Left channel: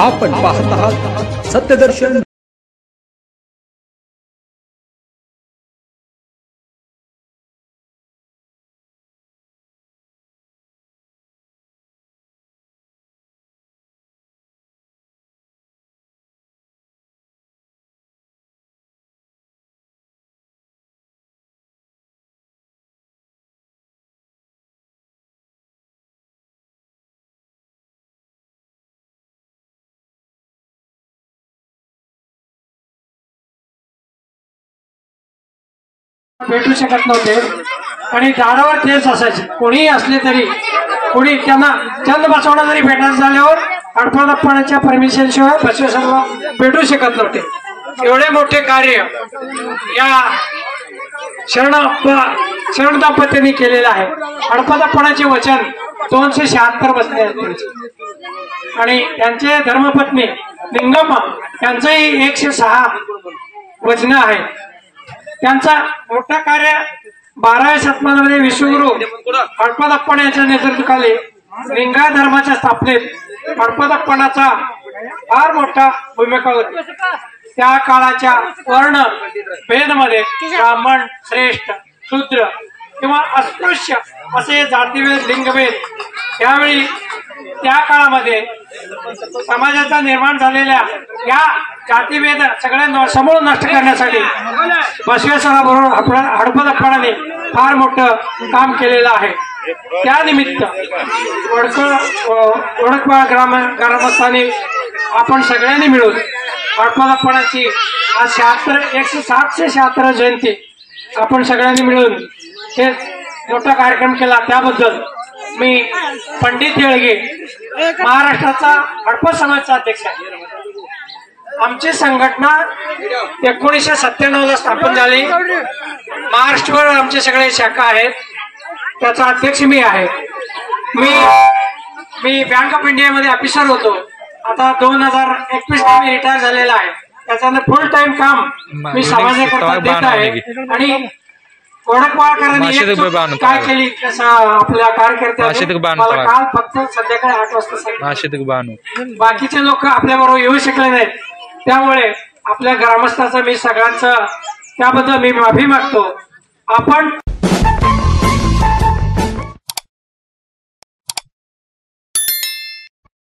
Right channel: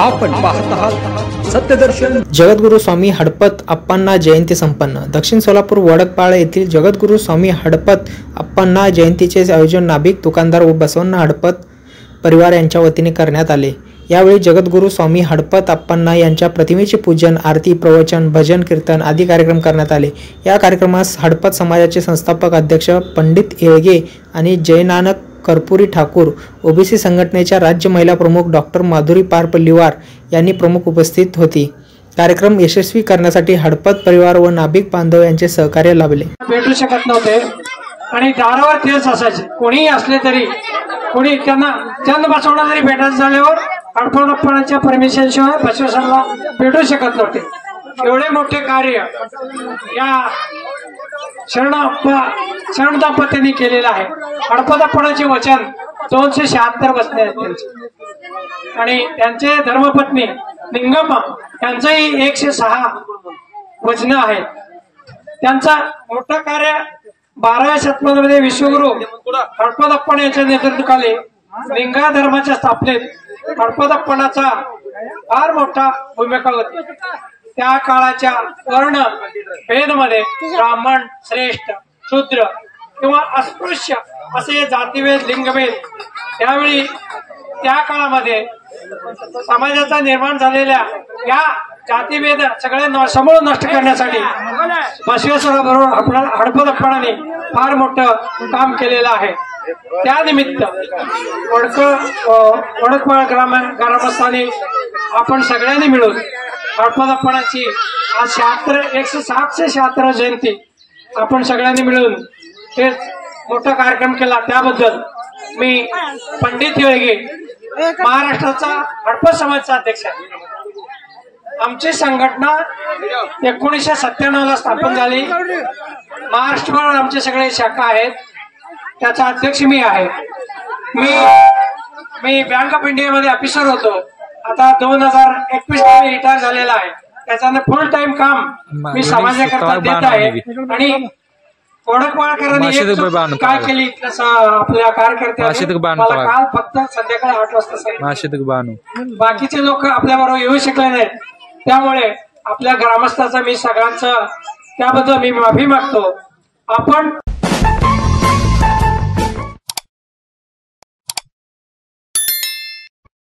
आपण पाहत आहात सत्यदर्शन। जगद्गुरू स्वामी हडपत अप्पांना जयंती संपन्न। दक्षिण सोलापूर वडकपाळ येथील जगद्गुरू स्वामी हडपत अप्पांना जयंतीचे आयोजन नाभिक दुकानदार व बसवण्णा हडपत परिवार यांच्या वतीने करण्यात आले। यावेळी जगद्गुरू स्वामी हडपत अप्पांना यांच्या प्रतिमेचे पूजन, आरती, प्रवचन, भजन, कीर्तन आदी कार्यक्रम करण्यात आले। या कार्यक्रमास हडपत समाजाचे संस्थापक अध्यक्ष पंडित येळगे आणि जयनानक कर्पुरी ठाकूर, ओबीसी संघटनेच्या राज्य महिला प्रमुख डॉक्टर माधुरी पारपल्लीवार यांनी प्रमुख उपस्थित होती। कार्यक्रम यशस्वी करण्यासाठी हडपत परिवार व नाभिक बांधव यांचे सहकार्य लाभले। भेटू शकत नव्हते आणि दारावर तेच असायचे, कोणी असले तरी कोणी त्यांना चंद बसवणं जरी भेटायचं झाल्यावर हडपतअप्पांच्या परमिशन शिवाय बसवेश्वरला भेटू शकत नव्हते। एवढे मोठे कार्य या शरण दाम्पत्यांनी केलेलं आहे। हडपतअप्पांचे वचन 276 वचने आहेत त्यांची आणि त्यांचे धर्मपत्नी लिंगम्मा त्यांचंही 106 वचनं आहेत। त्यांचा मोठा कार्य 12व्या शतकामध्ये विश्वगुरु हडपतअप्पा यांच्या नेतृत्वाखाली लिंगायत धर्माच्या स्थापनेत हडपतअप्पांचा फार मोठा भूमिका होती। त्या काळाच्या वर्ण भेदमध्ये ब्राह्मण, श्रेष्ठ, शूद्र किंवा अस्पृश्य असे जातीभेद, लिंगभेद त्यावेळी त्या काळामध्ये समाजाचा निर्माण झालेल्या या जातीभेद सगळ्यांना समूळ नष्ट करण्यासाठी बसवेश्वराबरोबर हडपतअप्पांनी फार मोठं काम केलेलं आहे। त्यानिमित्त वडकपाळ ग्रामस्थांनी आपण सगळ्यांनी मिळून हडपतअप्पांची आज 176 जयंती आपण सगळ्यांनी मिळून हे मोठा कार्यक्रम केला। त्याबद्दल मी पंडित येळगे, महाराष्ट्राचा हडपत समाजचा अध्यक्ष आहे। आमची संघटना 1997 ला स्थापन झाली। महाराष्ट्रभर आमचे सगळे शाखा आहेत, त्याचा अध्यक्ष मी आहे। मी बँक ऑफ इंडिया मध्ये ऑफिसर होतो। आता 2021 मध्ये रिटायर झालेला आहे। त्याच्यानं फुल टाइम काम मी समाजाकरता देत आहे आणि वडकपाळकरांनी काय केली आपल्या कार्यकर्त्यांनी मला काल फक्त संध्याकाळी 8 वाजता सांगितलं। बाकीचे लोक आपल्या बरोबर येऊ शकले नाहीत, त्यामुळे आपल्या ग्रामस्थांचा मी सगळ्यांचं त्याबद्दल मी माफी मागतो। आपण